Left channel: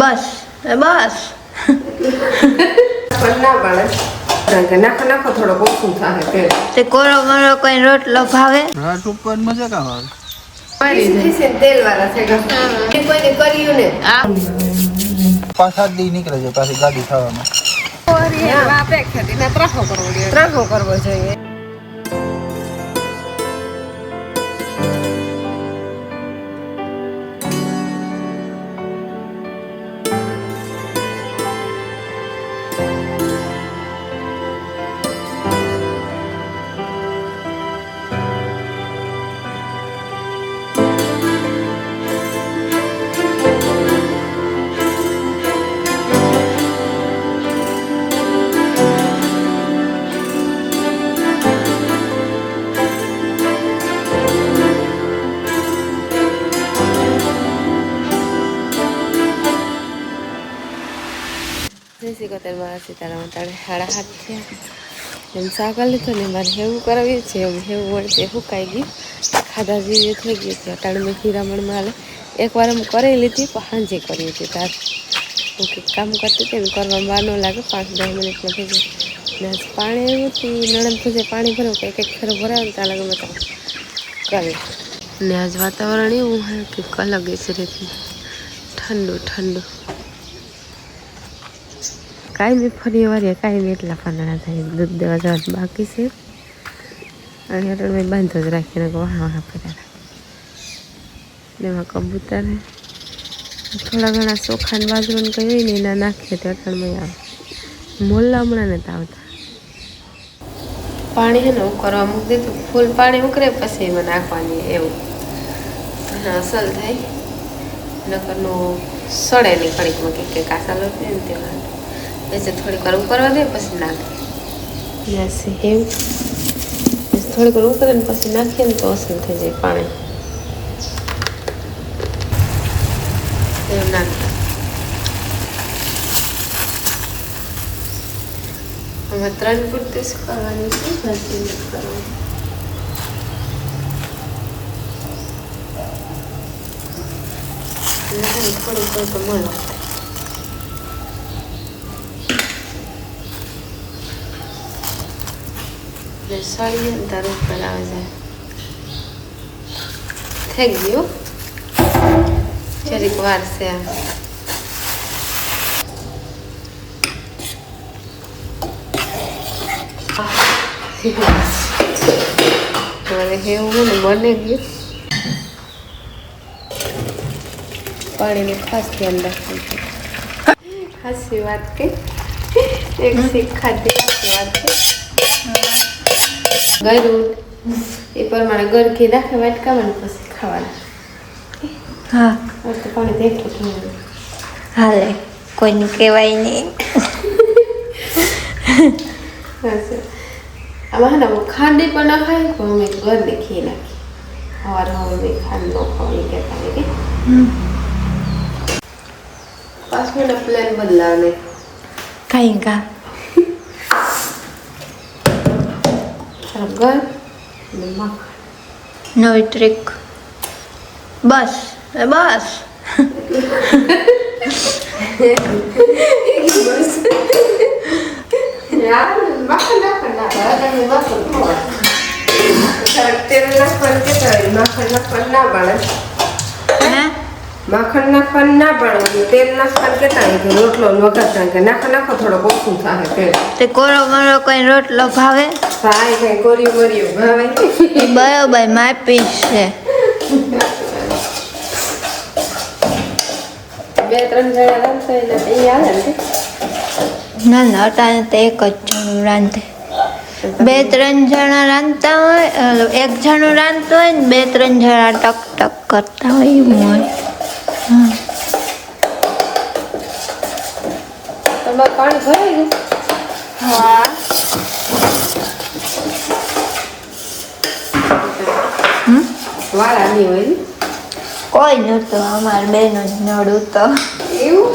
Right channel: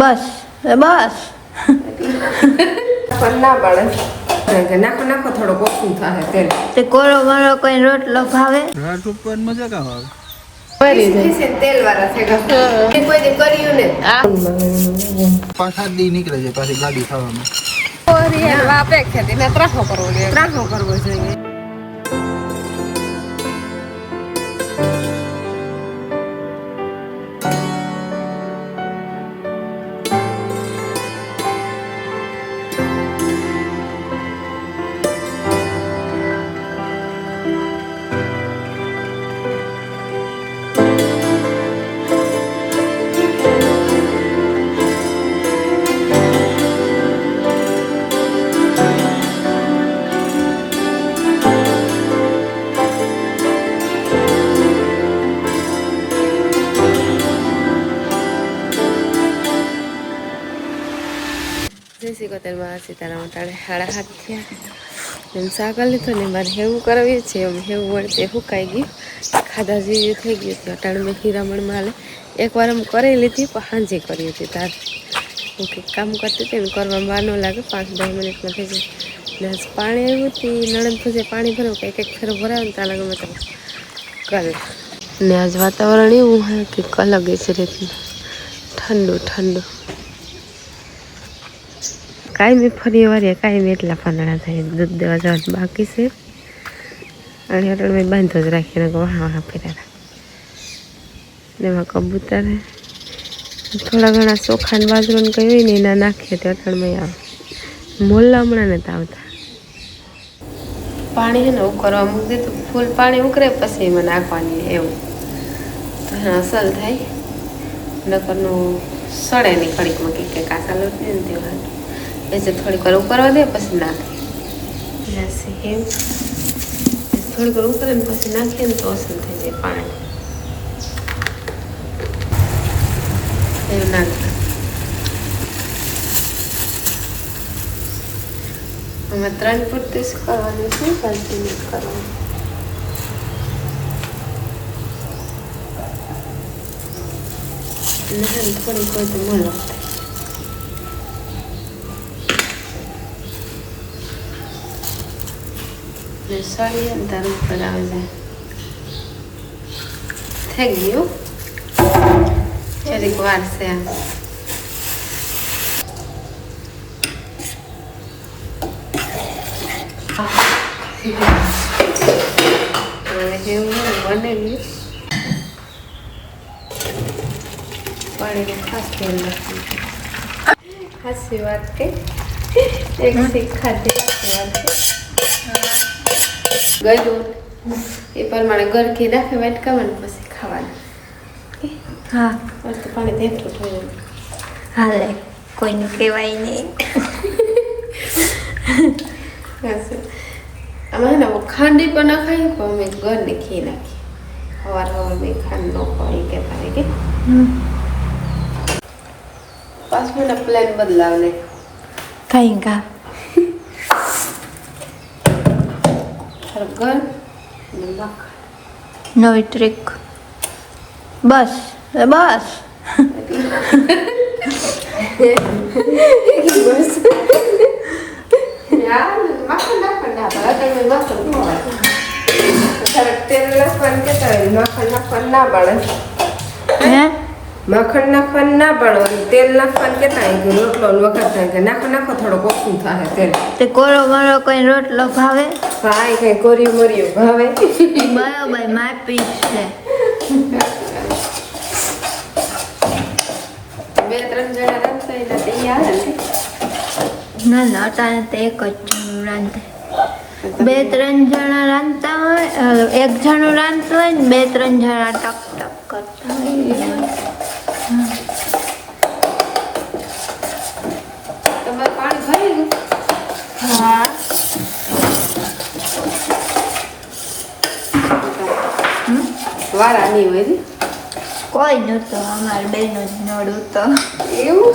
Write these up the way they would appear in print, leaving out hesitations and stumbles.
બસ બસ ના પાડે નાખો નાખો થોડો ઓછું થાય તેલ તે કોરો મારો કોઈ રોટલો ભાવે રાત ઉપર મજા કામ આવે તેલ વાળા છે કોઈ કર્યું ને 5-7 દી નીકળે છે પાછી ગાડી ખાવામાં ત્રાખો કરવો જોઈએ સીતારામ તાણે 7:30 થયા એમ સાકર લીધો ને મારે હેવું કરાવીએ છીએ એમ હેવું વળતે સુકાઈ ગયું ખાધા જેવી થઈ ગયું હતું અટાણે મેં હીરામણમાં હાલે એકવાર એમ કરી લીધી પણ સાંજે કરી હતી તાર હું કંઈક કામ કરતી હતી ને કરવામાં વાર ન લાગે 5-10 મિનિટમાં થઈ જાય ને આજ પાણી આવ્યું હતું નણંદ પૂછે પાણી ભરવું કે એક ફેરો ભરાવે ને ત્યાં લાગે મેં તો કરે ને આજ વાતાવરણ એવું હે કે અલગ છે રીતનું ઠંડુ ઠંડુ કાંઈ મેં ફરી વારીએ કાંઈ મેં એટલા પાંદડા થાય દૂધ દેવા જવાનું બાકી છે અને અટણ મેં બાંધો જ રાખીને વાહ ફેર્યા ને એમાં કબૂતર થોડા ઘણા ચોખા ને બાજરો ને કંઈ હોય ને એના નાખીએ તો અટણમાં આવે મોલ્લા હમણાં નથી આવતા પાણી છે ને ઉકળવા મૂકી દીધું ફૂલ પાણી ઉકળે પછી એમાં નાખવાની એવું તો અસલ થાય નકરનું સડે નહીં કણીકમાં કે કાચા લોટ ને તેવા એટલે થોડીક વાર ઉકળવા દે પછી નાખે એવું થોડીક વાર ઉકળે ને પછી નાખીએ ને તો અસલ થઈ જાય પાણી એવું નાખે અમે 3 પૂરતી જ કરવાનું છે જલ્દી નહીં કરવાનું થોડીક હોય તો મોલો સળીએ ને તાર ઉપર આવે જાય થઈ ગયું જરીક વાર છે આ બને ગયું પાણીનું ખાસ ધ્યાન રાખવું હાસી વાત કે એક શીખ ખાધી વાત કે ગયું એ પ્રમાણે ગરકી નાખે વાટકામાં પછી ખાવાનું હા તો પાણી દેખતું થયું હાલે કોઈને કહેવાય નહીં આમાં ને ખાંડી પણ ના ખાય તો અમે ઘરની ખી નાખી સવાર મેં ખાંડ ન ખાવા કહેતા હોય કે 5 મિનિટ પ્લાન બદલાવે કઈ કા ઘર નવી ટ્રીક બસ બસ માખણ નાખવાનું ના પડે તેલ નાખવાનું કેતા હોય કે રોટલો વઘારતા કે નાખો થોડો ઓછું થાય તેલ તે કોરો મારો કોઈ રોટલો ભાવે ભાઈ કઈ કોર્યું મોર્યું ભાવે બરોબર માપી છે 2-3 જણા રાંધતા હોય તો એ આવે ને ના ના અટાણે તો એક જ જણું રાંધે 2-3 જણા રાંધતા હોય 1 જણું રાંધતું હોય ને 2-3 જણા ટક ટક કરતા હોય એવું હોય તમારે પાણી ભરાઈ ગયું હા વાળા નહીં હોય કોઈ નહોતું અમારે બેનો જ નડું તો એવું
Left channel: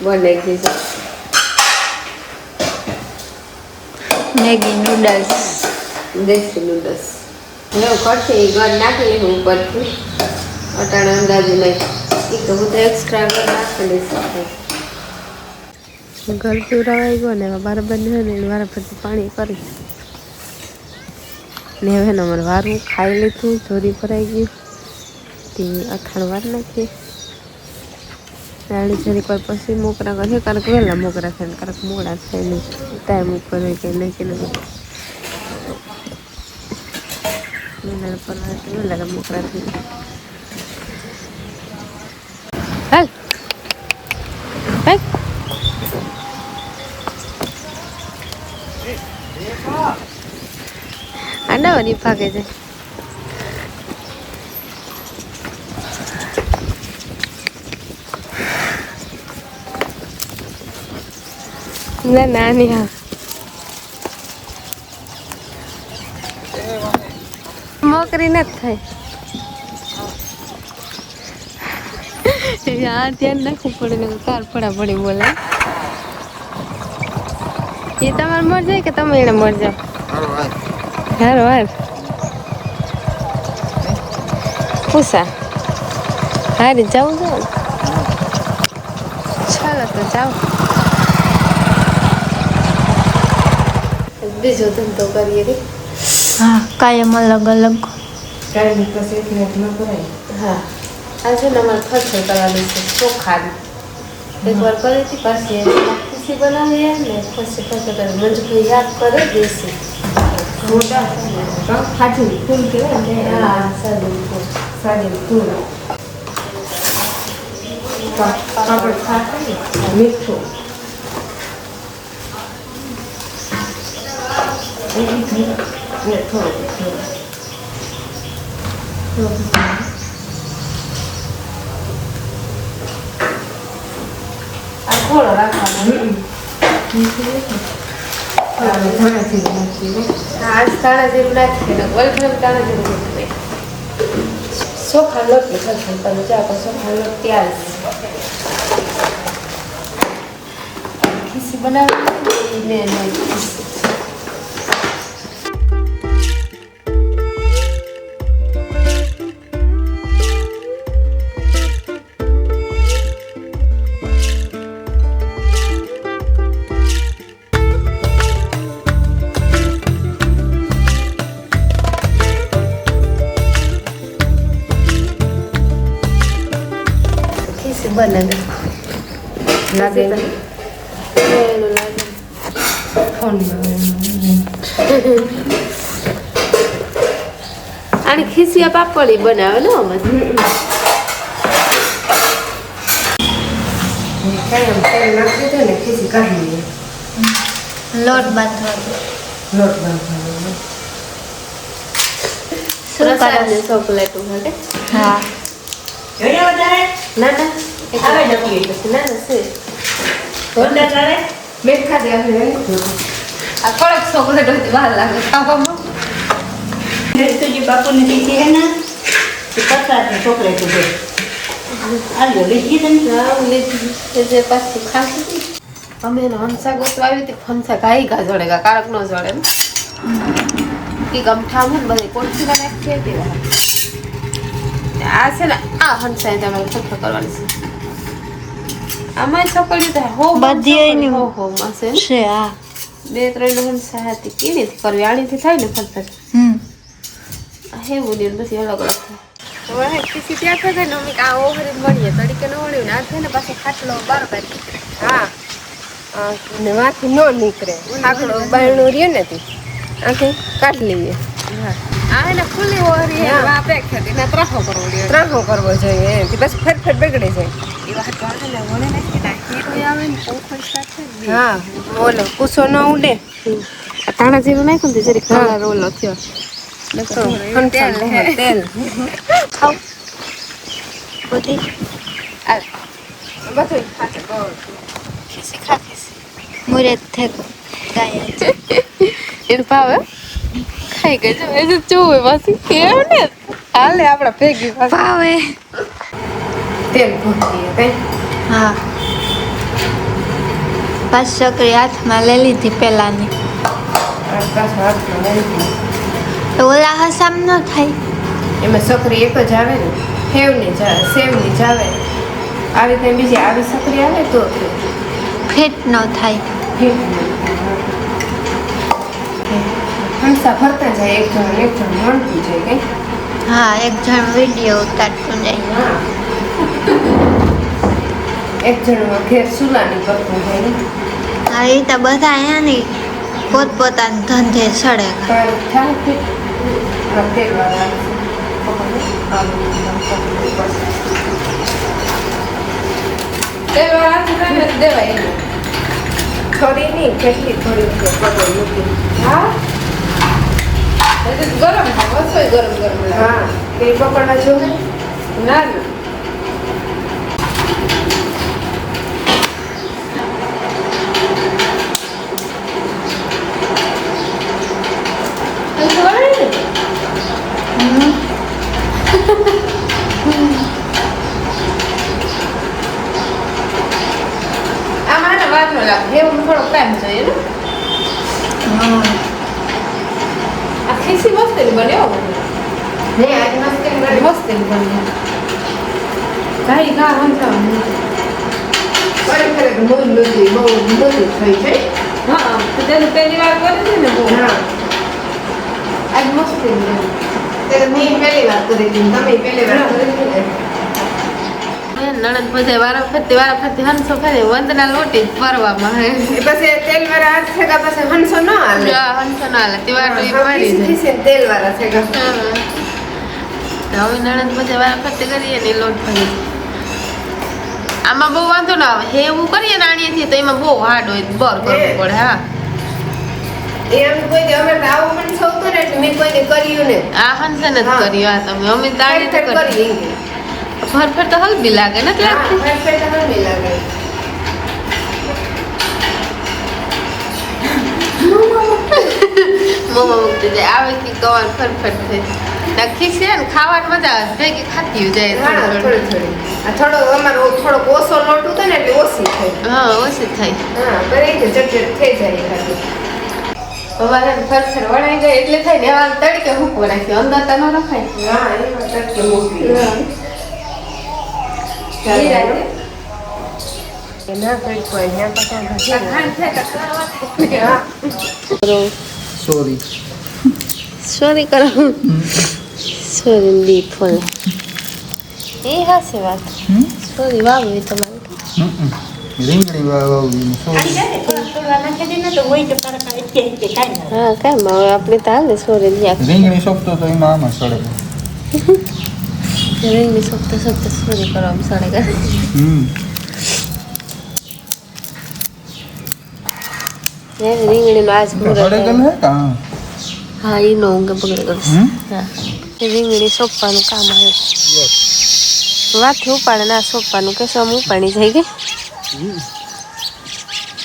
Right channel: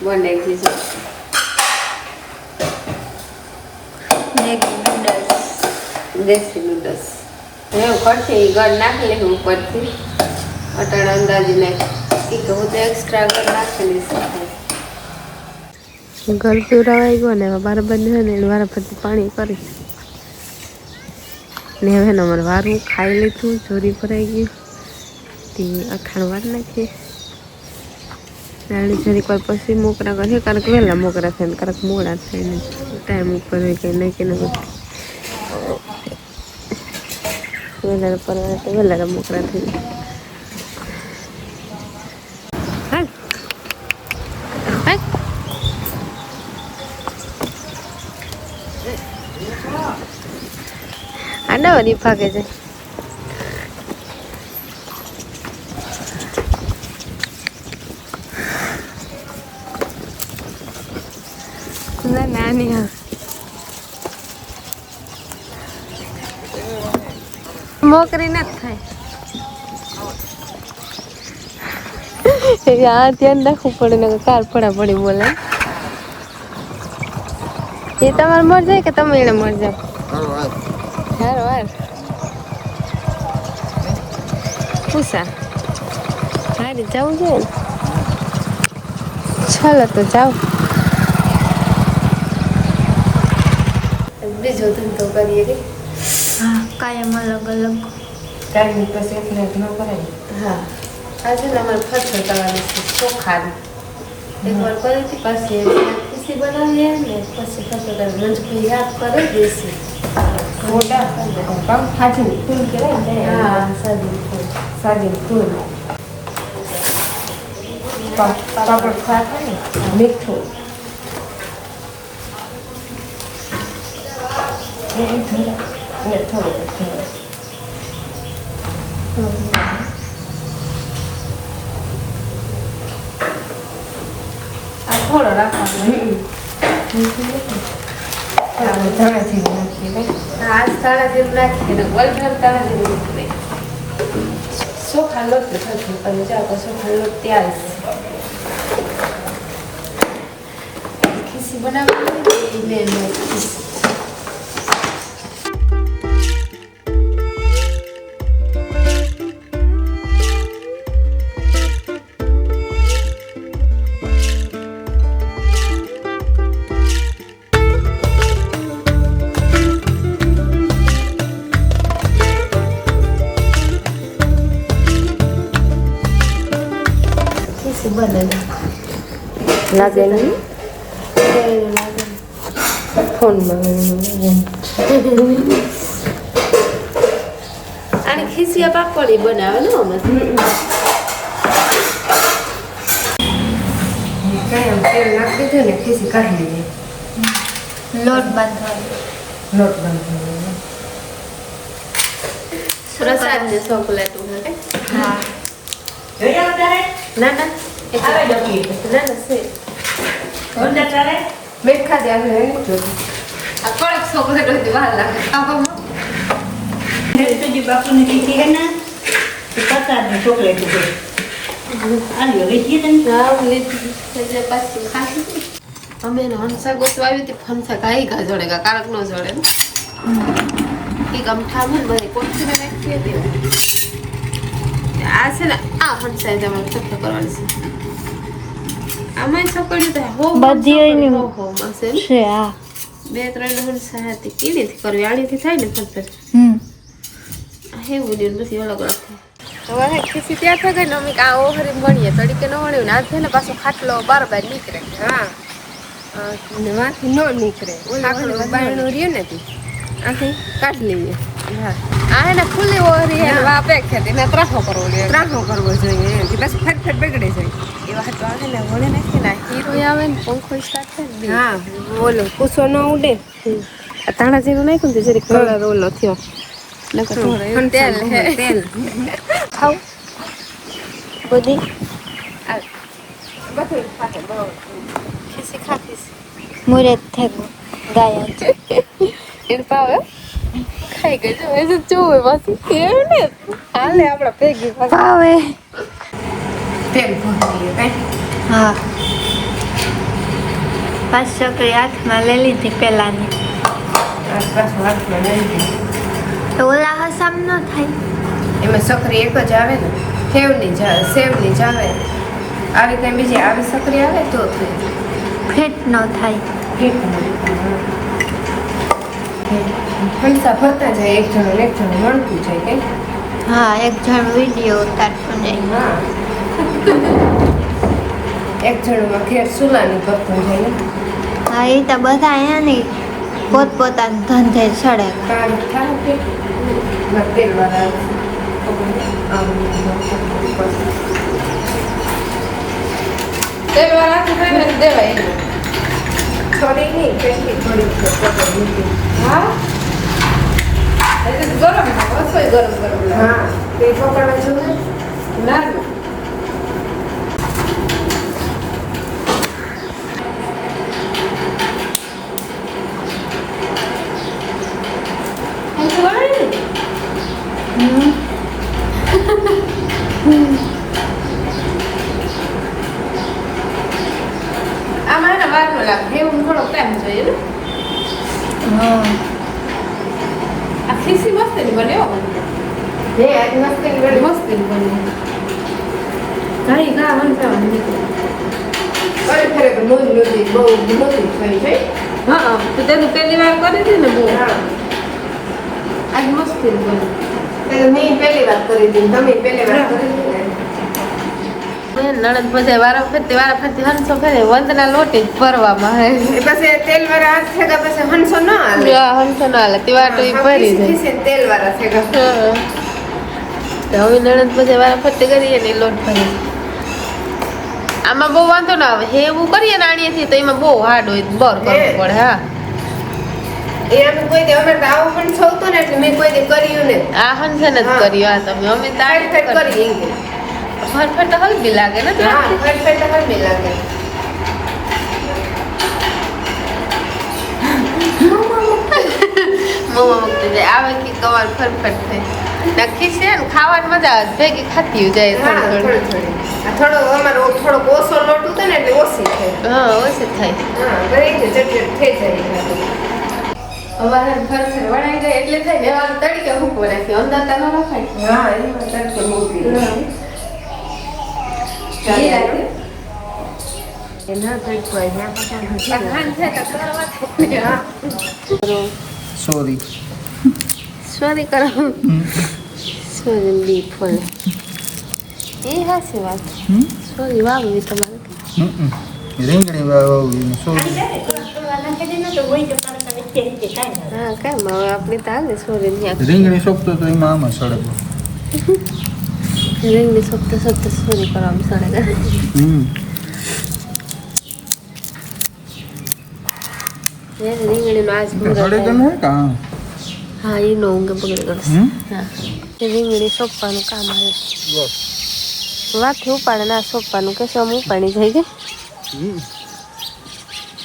બનાવી દીધું મેગી નૂડલ્સ દેશી નૂડલ્સ એવું કરશે એ ઘર નાખી લેવું ઉપરથી અટાણા અંદાજી નહીં તો હું તો એક્સ્ટ્રા નાખેલી છે ઘર પીવડાવાઈ ગયો ને બરાબર ને એને વારા ફરતી પાણી કરી ને હવે ને અમારે વારું ખાઈ લીધું ચોરી ભરાઈ ગયું તે અખાણ વાર નાખીએ રાણી જરીક વાર પછી મોકરા કરે કારક વહેલા મોકરા થાય ને કારક મોડા થાય ને ટાઈમ ઉપર હોય કે નાખીને વહેલા પરવા તો વહેલા મોકરા થઈ હાલ હાલ આના વળી ભાગે છે ના નાની હા મોકરી નથી થાય આ ધ્યાન રાખવું પડે ને કાર પડા પડી બોલે એ તમારે મર જાય કે તમે એને મર જાવ હારો હાલ પૂછા હારી જાઉં છું ચાલો તો જાઓ બીજો ધંધો કરીએ રે હા કાયમ અલગ અલગ ટાઈમ પછી એક નાઈટ ન કરાય હા આજે અમારે ખર્ચો કરવાની છે ચોખાની એક વાર કરી હતી પાછી ખુશી બનાવીએ ને પછી ખર્ચો કરી મંજુભાઈ યાદ કરે દેશી મોટા ખાજી ફૂલ કહેવાય હા સાજી ફૂલ પાપડ ખાતા ને મીઠું થોડો રાખવાનો આજ તાળા જેવું નાખીને ઓલભર તાળા જેવું નાખીને ચોખા લોટ ખલખલ કરી જાઓ તો ચોખા લોટ તૈયાર છે ખીસી બનાવી મેં ખીસી લાગે નહીં ફોનમાં આની ખીસિયા પાપડી બનાવે ને અમે કઈ આમ તેલ નાખી દીધો ને ખીસી કાઢી લઈએ લોટ બાંધવાનો પ્રસાદ ને ચોકલેટ માટે હા ના ના એક ના ના છે મેં ખાધે આપણે આ કોળક ચોકલેટ હતી વાર લાગે ખાવામાં तुझे बापू ने दी है ना तो पता है चॉकलेट दे आलियो बेटी तन હા લીધી જે પાછી ખાધી અમે એને હંસા ગોતવા આવી હતી હંસા ગાઈ ગા જડે ગા કારક નો જડે ને એ ગમઠા ને બધી કોથી નાખી હતી આ છે ને આ હંસા તમે ફટફટ કરવાની છે આમાં છોકરી તો હો બધી એની હો માસે છે આ બે ત્રણ હંસા હતી કેવી કરવી આણીથી થાય ને ફટફટ હેવું ને બધી અલગ અલગ થાય હવે ખીસી ત્યાં થઈ ગઈ ને અમે આ ઓહરી બનીએ તડીકે ન વળ્યું ને આ થઈને પાછો ખાટલો બરાબર નીકળે હા ને વાથી ન નીકળે બાયણું રહ્યું ને તું આથી કાઢી લઈએ હા આ હે ને ફૂલી ઓહરી હે વાપે ખેતી ને ત્રાહો કરવો જોઈએ બસ ફેર બગડે જાય એ વાત વાળે ને વળે નાખી ને હીરો આવે ને પંખો સ્ટાર્ટ થઈ હા ઓલો કુસો ન ઉડે તાણા જેવું નાખ્યું ને જરી કલર ઓલો થયો તેલ ખાવ બધી બધું ખીસી ખાતીશ મુરત થેગો ગાયા છે એને ભાવે ખાઈ ગઈ છે એ જોવે પછી કેવું ને હાલે આપણે ભેગી ભાવે તેલ ભૂકી હા 5 છોકરી હાથમાં લઈ લીધી પેલાની હાથમાં લઈ લીધી ઓલા હસામ ન થાય એમાં સકરી એક જ આવે ને સેવની જ આવે આવી થાય બીજી આવી સકરી આવે તો ફેટ ન થાય. હંસા ફરતા જાય એક જણ મળતું જાય કઈ હા, એક જણ વિડીયો ઉતારતું જાય. એક જણ ઘેર સુલાની કરતું જાય ને હા, એ તો બધા એની પોતપોતાના ધંધે સડે. કાંઈ થાય કે તેલવાળા દેવાય થોડી નહીં કેટલી થોડી હા ગરમ રસોઈ ગરમ હા તે પકડવા જેવું ના આમાં વાત ન લાગે એવું થોડો ટાઈમ જોઈએ ને આ ખીસી મસ્ત બન્યો ને આજ મસ્ત બન્યો કાઈ ગા હંતા મને અરે ખરે મોરી થઈ છે હા તો તેનું પહેલી વાર કરી હતી ને બહુ હા આજ મસ્ત બન્યો તે મેં પહેલી વાર કરી હતી તમે પહેલી વાર કરી હતી નણદ બધા વારાફરતી હંસો કરે વંદના લોટી જ ભરવામાં હે પછી તેલ વાળા હાથ થેગા પછી હંસો ન હાલે હંસો ન હાલે તેવા તો ભરી જાય તેલ વાળા થેગા તો હવે નણદ બધા વારાફરતી કરીએ ને લોટ ભરી આમાં બહુ વાંધો ના આવે હે એવું કરીએ ને આણીએથી તો એમાં બહુ હાર્ડ હોય બર કરવું પડે હા એમ કોઈ દે અમે આવું પણ છોતું ને એટલે મેં કોઈ દે કર્યું ને આ હંસે ન કર્યું આ તમે અમે તાળી કરી એંગે ફરફર તો હલબી લાગે ને લાગતી ફરફર તો હલબી લાગે મોમો મુકતી જાય આવે કે કવાર ફરફર થાય નક્કી છે ને ખાવાની મજા આવે ભેગી ખાતી જાય થોડી આ થોડો અમારો થોડો ઓછો લોટ હતો ને એટલે ઓછી થાય હા ઓછી થાય હા બરી કે ચટચટ થઈ જાય હવે ફરફર વણાઈ જાય એટલે થાય ને આ તડકે મૂકવો રાખ્યો અંદર તા ન રખાય હા એમાં તડકે મૂકી સોરી કરો સોરી બી ફોન એ હાસે વાત સોરી વાવી તમારે રીંગણી વાવી સોરી હા કામ હવે આપણે તો હાલે સોરી રીંગણી સોંપતો તો એમાં આમાં સડે રીંગણી સોંપતા સોરી કરવામાં સડે કરે રીંગણીનો આજ હા એનો ઊંઘે બગડે કરશે હા રીંગણી સોંપવાનું કામ આવે વાથી ઉપાડે ના સોંપવાનું કે સમ ઉપાડી જાય કે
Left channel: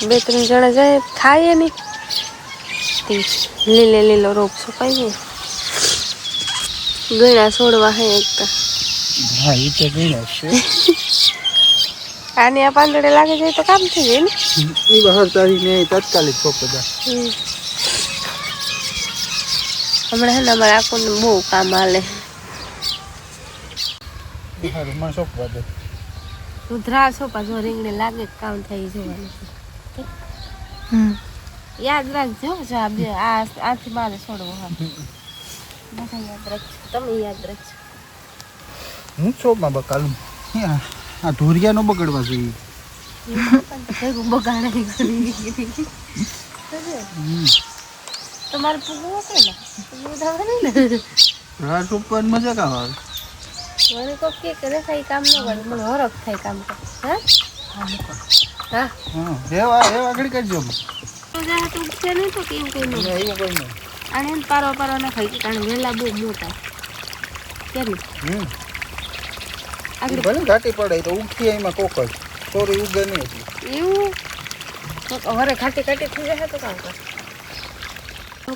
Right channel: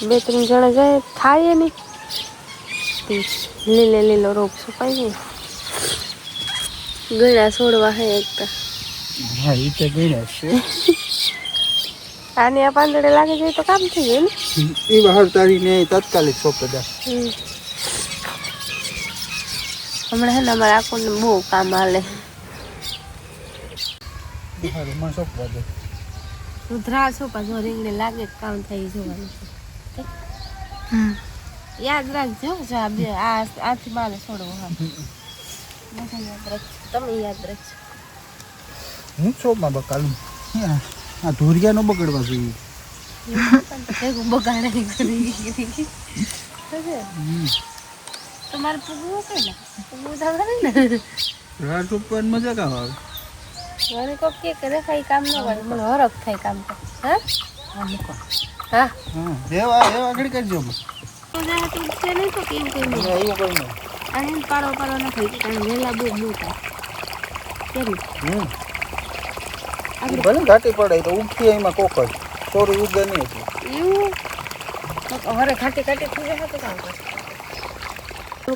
2-3 જણા જાય થાય નહીં લીલો રોપ સોપાય ને ગળા છોડવા હે એકતા હા એ તો ગળા છે આને આ પાંદડે લાગે જાય તો કામ થઈ જાય ને એ બહાર તારીને તાત્કાલિક સોંપે દા હમણાં હે ને અમારે આખું બહુ કામ હાલે માં સોંપવા દે સુધરા સોપા જો રીંગણી લાગે કામ થઈ જોવાનું છે યાદ રાખજો જો આ બે આથી મારે છોડવો હા બધા યાદ રાખજો તમે યાદ રાખજો હું સોપમાં બકાલું આ ધોરિયાનો બગડવા જોઈએ બગાડે તમારે પૂગવું કે ને પૂગવું થવાનું ને રાત સોંપવાની મજા કામ આવે મને કોક કે રેખાઈ કામ ન કરે મને હરખ થાય કામ કર હા હા હા એવા આગળ કરજો તો જા તો ઉઠે નહીં તો કેવું કઈ નહીં એવું કઈ નહીં આને પારો ના ખાઈ કારણ વેલા બહુ મોટા કેમ આગળ ભલે ઘાટી પડે તો ઉઠી એમાં કોક જ ચોરી ઉગે નહીં એવું તો હરે ખાટી થઈ જશે તો કામ કર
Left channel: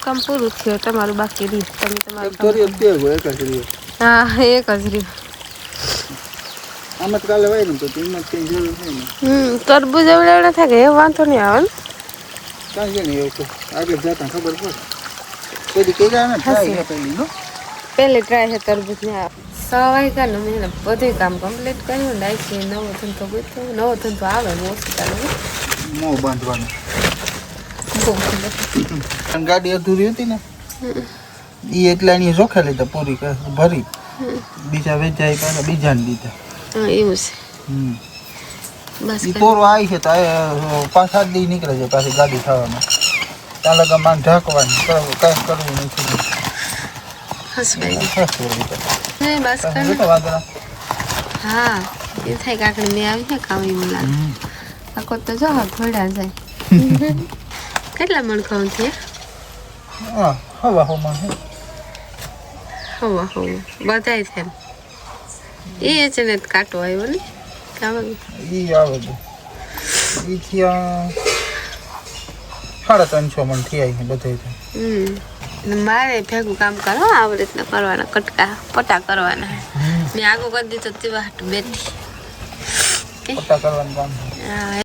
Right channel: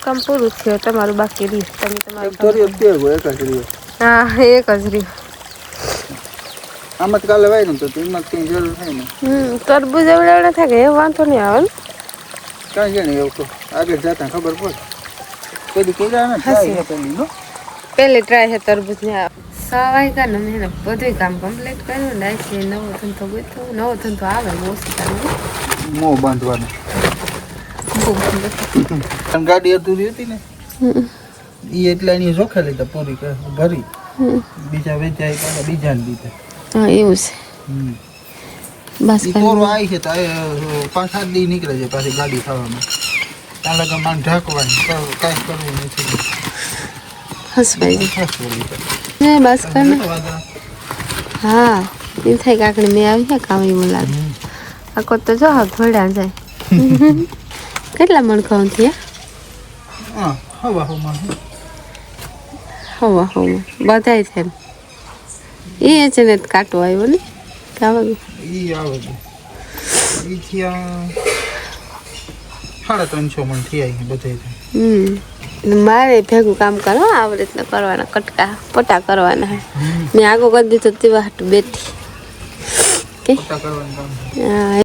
કામ પૂરું થયું તમારું બાકી રહ્યું તમે તમારું થોડી જ હોય એક જ રહ્યું હા એક જ રહ્યું આમાં તો કાલે વાય ને તો એમાં કઈ જરૂર થાય ને તરબૂજ એવડે થાય કે એ વાંધો નહીં આવે ને કાંઈ છે ને એવું તો આગળ જતા ખબર પડે પેલી કોઈ જાય ને ટ્રાય છે પેલી નો પહેલી ટ્રાય છે તરબૂજ ને વાગ્યા ને મેં બધું કામ કમ્પ્લીટ કર્યું ને છે નવો ધંધો ગોઠવ્યો નવો ધંધો આવે બહુ સીતાનું મોં બાંધવાનું ગાડી અધૂરી હતી ને એ એટલા એની જોખે લીધા પૂરી ભરી બીજા વેચાઈ પાછા બીજાને દીધા હા એવું છે બસ એ પૂરું આવી છે તો 5-7 દી નીકળે છે પાછી ગાડી ખાવામાં ત્યાં લગા માન ઢાંકવાની કાંઈ કરવું નથી હસવાઈ ખાસ બસ કર વાંધો હા એ થાય કાકડી મેં આવી છે કામ એવું લાગે આખો તો જો ઘોડા જાય કેટલા મણ ખાવું છે હા હવા હવામાં હવા હવા બધાય છે એ છે ને કાટો આવ્યો ને ખાવા એ આવે છે એ થયા 350 મણ થઈ આવી બધું મારે ભેગું કામ કરો આવી રીતના કરવાના કટકા પટા કરવાના હે મેં આગો કરી દીધો તેવા હાટું બેઠી પટ્ટા કરવાનું કામ હા